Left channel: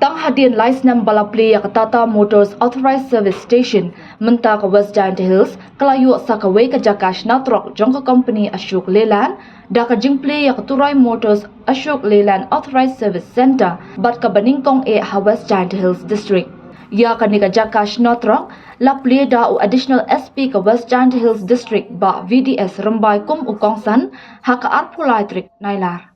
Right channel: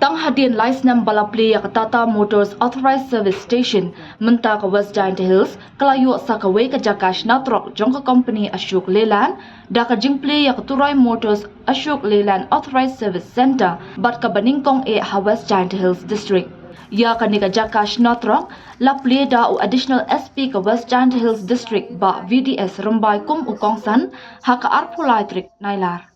Tang hadian license bala Plie ka Tata Motors Authorized Service Station menta ka West Jaintia Hills kalayu sa kaway ka Jakash Natrok jong ka company Ashok Leyland da ka jing Plie ka Turoi Motors Ashok Leyland Authorized Service Center bat ka nyngkong ha West Jaintia Hills District. Ya ka ni ka Jakash Natrok la Plie da u additional SP ka West Jaintia Hills District ba VDS Rambai kum u Kongsan ha ka Plie trik nailar.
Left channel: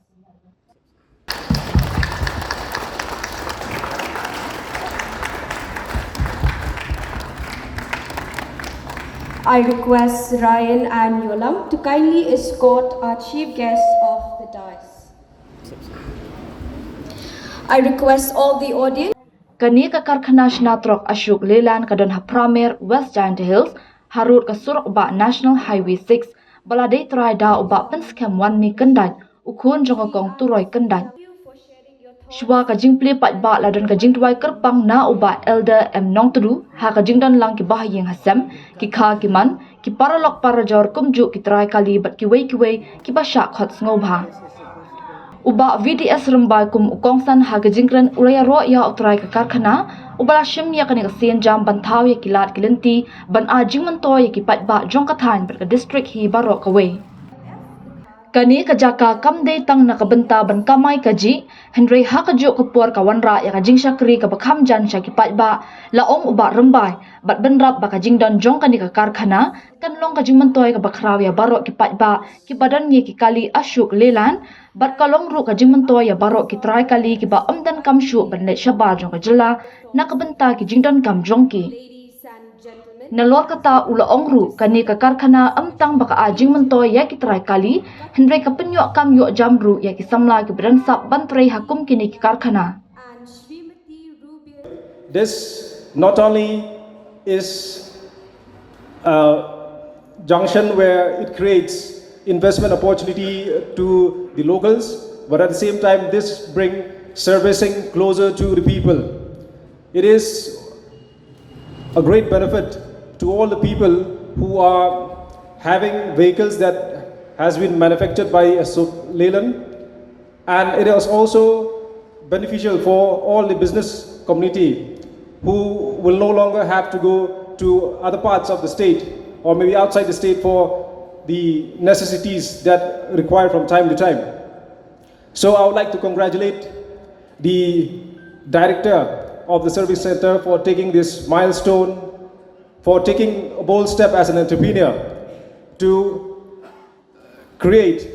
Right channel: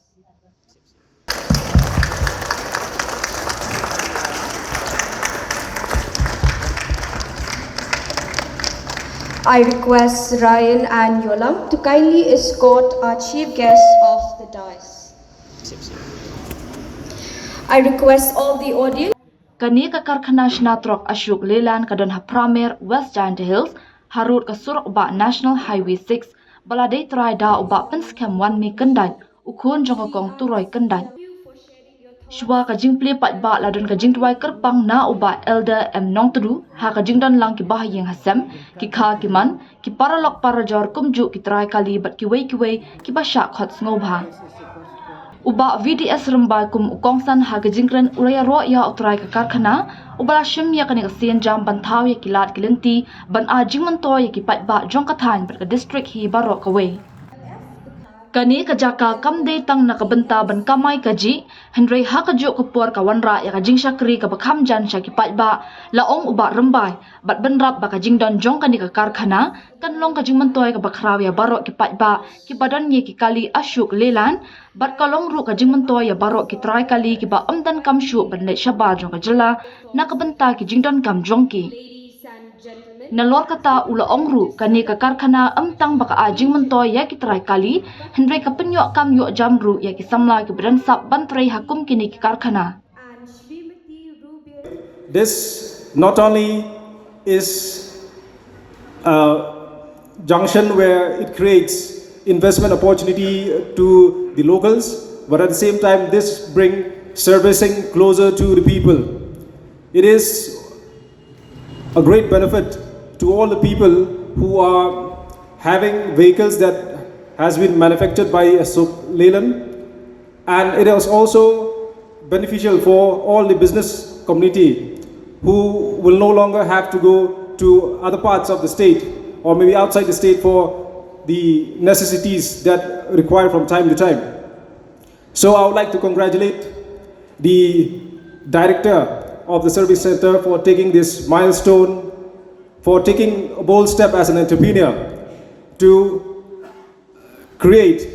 I request Ryan and Yolam to kindly escort our chief guest off the dais. I request all the audience. Kani ka karkhana Natrok Ashok Leyland kadon ha Pramer West Jaintia Hills harut ka surok ba National Highway 6 baladai try da uba penskem 1 mi kendai ukun jong kong Turoi kendai. Shwa ka jing Plie pat ba ladon ka jing tuai kerpang na uba elder nong tudu ha ka jing don lang ki bahayeng hasem ki kha ki man ki paralok parajor kumju ki try kali bat ki wei ki basha khot ngobha. Uba VDS Rambai kum ukongsan ha ka jingren uraya ro ya utrai ka karkhana ubala shim ya kani ka sien jam banthau ya kilat kilenti ban a jing man to ya ki pat ba jong ka than bat ka district hi baro ka wei. Kani ka jaka kam dei tang na kabenta ban kamai kaji Henry ha ka jo kapor ka wanra ya ka jing shakri ka bakham jan sha ki pat ba laong uba Rambai bat benrap ba ka jing don jong kani ka karkhana kan long ka jing man toy ka bakhraw ya baro ki pat ba ki badan ye ki kali Ashok Leyland bat kalong ru ka jing man toy ya baro ki try kali ki ba amdan kam shu ban le shaba jong ka jela na kabenta ki jing don kam jong ki Nalor kata ula ongru kani ka karkhana amtang baka ajing mentoy ya ki try kali Henry ka penyok kam yok jamru ya ki samla ki badan sap bantrai hakum kini ki karkhana. This not only is a junction where it creates investment opportunity to the locals, but at the same time this bring servicing closer to the people. It is a great benefit to all the people who are having vehicles that has been manufactured by Ashok Leyland, and it is also beneficial for all the business community who will no longer have to go to other parts of the state or maybe outside the state for the necessities that require from time to time. So I would like to congratulate the director of the service center for taking this milestone, for taking a bold step as an entrepreneur to create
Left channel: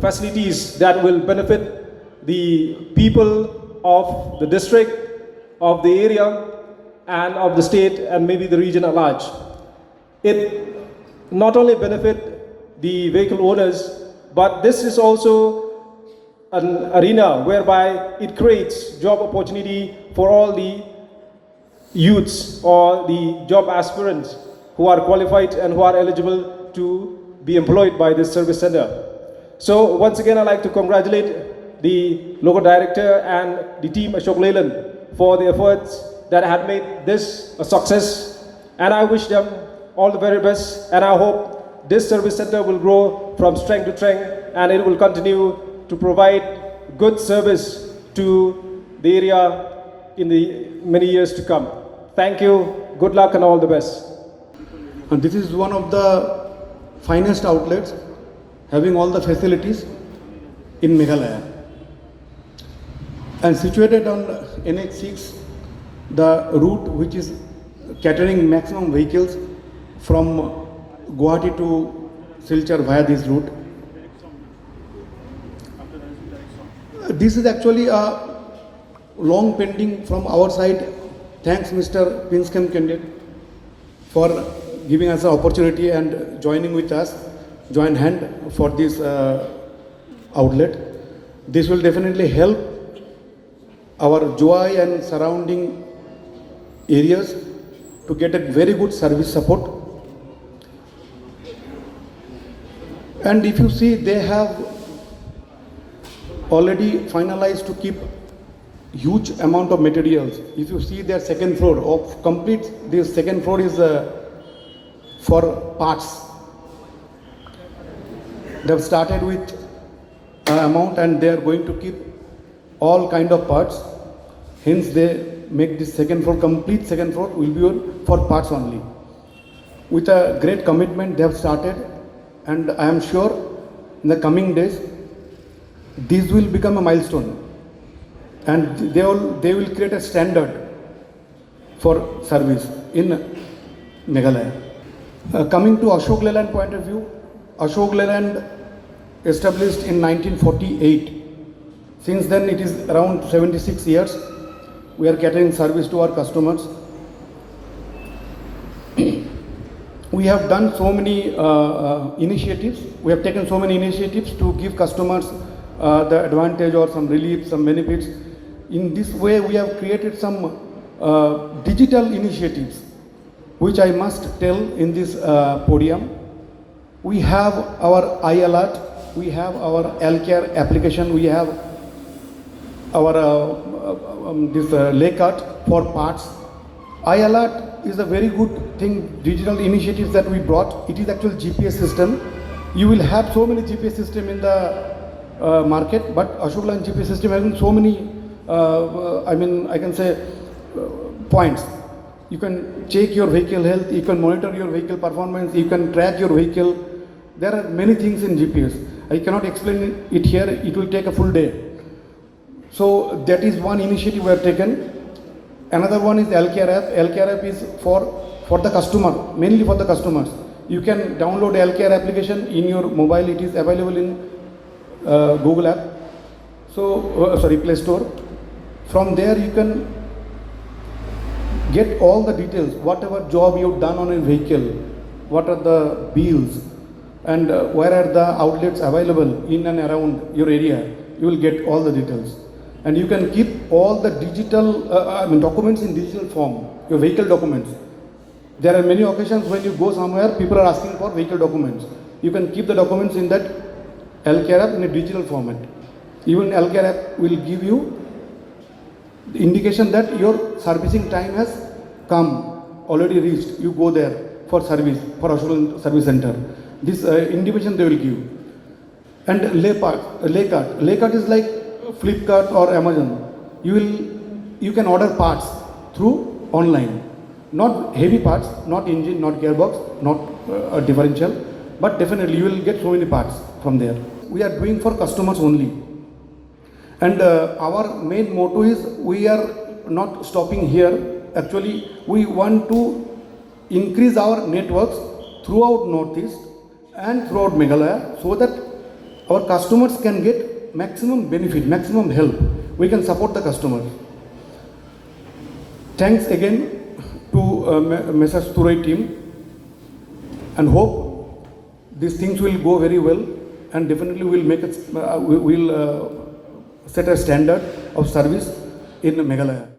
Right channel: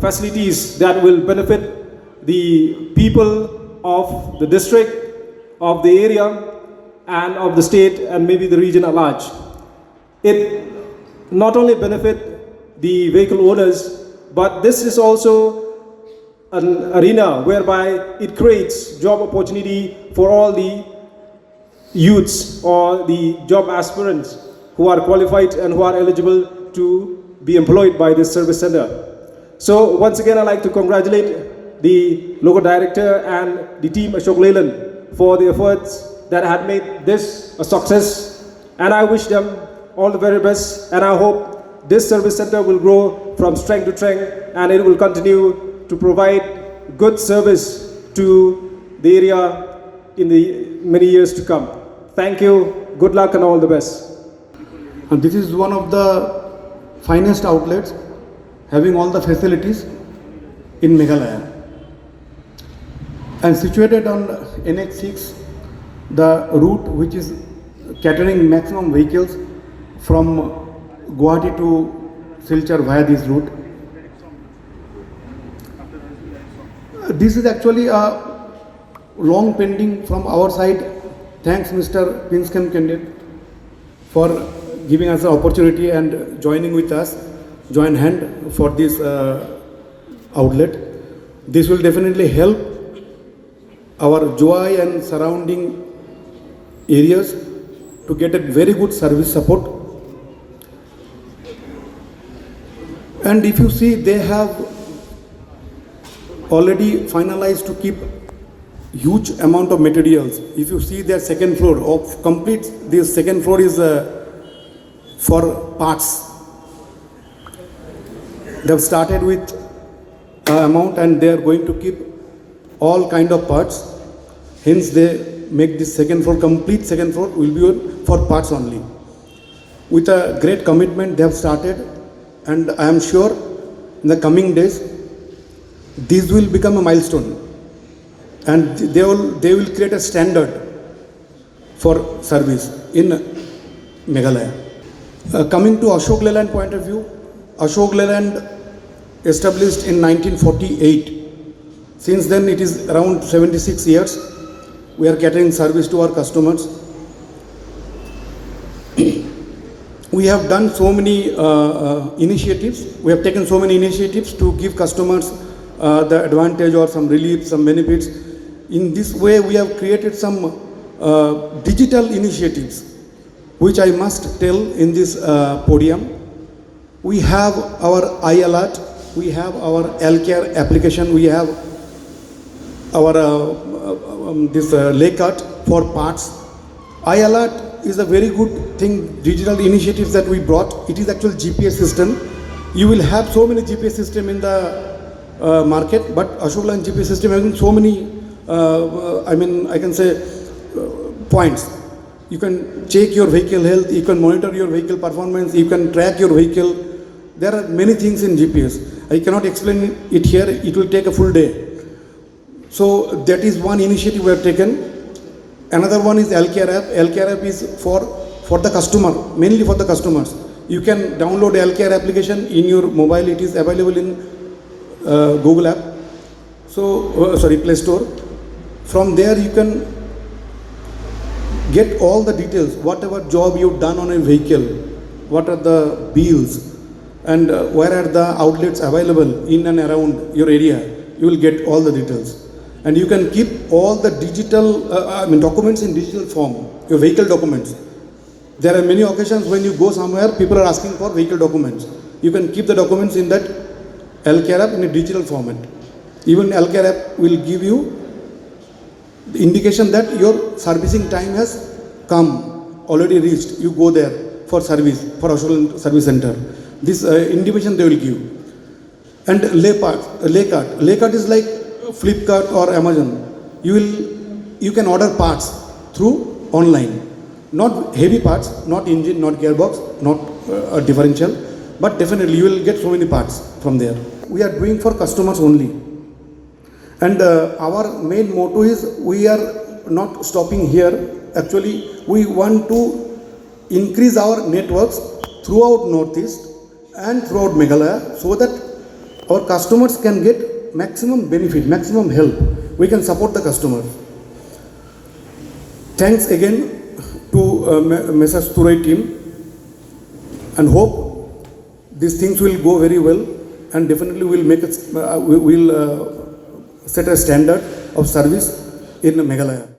facilities that will benefit the people of the district, of the area, and of the state and maybe the region at large. It not only benefit the vehicle owners, but this is also an arena whereby it creates job opportunity for all the youths or the job aspirants who are qualified and who are eligible to be employed by this service center. So once again, I'd like to congratulate the local director and the team Ashok Leyland for the efforts that had made this a success, and I wish them all the very best, and I hope this service center will grow from strength to strength and it will continue to provide good service to the area in the many years to come. Thank you, good luck and all the best. And this is one of the finest outlets having all the facilities in Meghalaya. And situated on NH6, the route which is catering maximum vehicles from Guwahati to Silchar via this route. This is actually a long pending from our side. Thanks Mr. Pinskem candidate for giving us the opportunity and joining with us, join hand for this outlet. This will definitely help our Joy and surrounding areas to get a very good service support. And if you see, they have already finalized to keep huge amount of materials. If you see their second floor of complete, this second floor is for parts. They have started with an amount and they are going to keep all kind of parts. Hence they make this second floor, complete second floor will be for parts only. With a great commitment they have started, and I am sure in the coming days this will become a milestone, and they will create a standard for service in Meghalaya. Coming to Ashok Leyland point of view, Ashok Leyland established in 1948. Since then it is around 76 years. We are catering service to our customers. We have done so many initiatives. We have taken so many initiatives to give customers the advantage or some relief, some benefits. In this way, we have created some digital initiatives, which I must tell in this podium. We have our iAlert, we have our L-Care application, we have our this Laycut for parts. iAlert is a very good thing, digital initiatives that we brought. It is actual GPS system. You will have so many GPS system in the market, but Ashok Leyland GPS system having so many, I can say points. You can check your vehicle health, you can monitor your vehicle performance, you can track your vehicle. There are many things in GPS. I cannot explain it here, it will take a full day. So that is one initiative we have taken. Another one is L-Care app. L-Care app is for the customer, mainly for the customers. You can download L-Care application in your mobile. It is available in Google app. Play Store. From there you can get all the details, whatever job you've done on a vehicle, what are the bills, and where are the outlets available in and around your area. You will get all the details. And you can keep all the digital documents in digital form, your vehicle documents. There are many occasions when you go somewhere, people are asking for vehicle documents. You can keep the documents in that L-Care app in a digital format. Even L-Care app will give you the indication that your servicing time has come, already reached. You go there for service, for Ashok Service Center. This indication they will give. And Laycut is like Flipkart or Amazon. You can order parts through online. Not heavy parts, not engine, not gearbox, not a differential, but definitely you will get so many parts from there. We are doing for customers only. And our main motto is we are not stopping here. Actually, we want to increase our networks throughout Northeast and throughout Meghalaya so that our customers can get maximum benefit, maximum help. We can support the customers. Thanks again to Messrs. Turoi team, and hope these things will go very well, and definitely will set a standard of service in Meghalaya.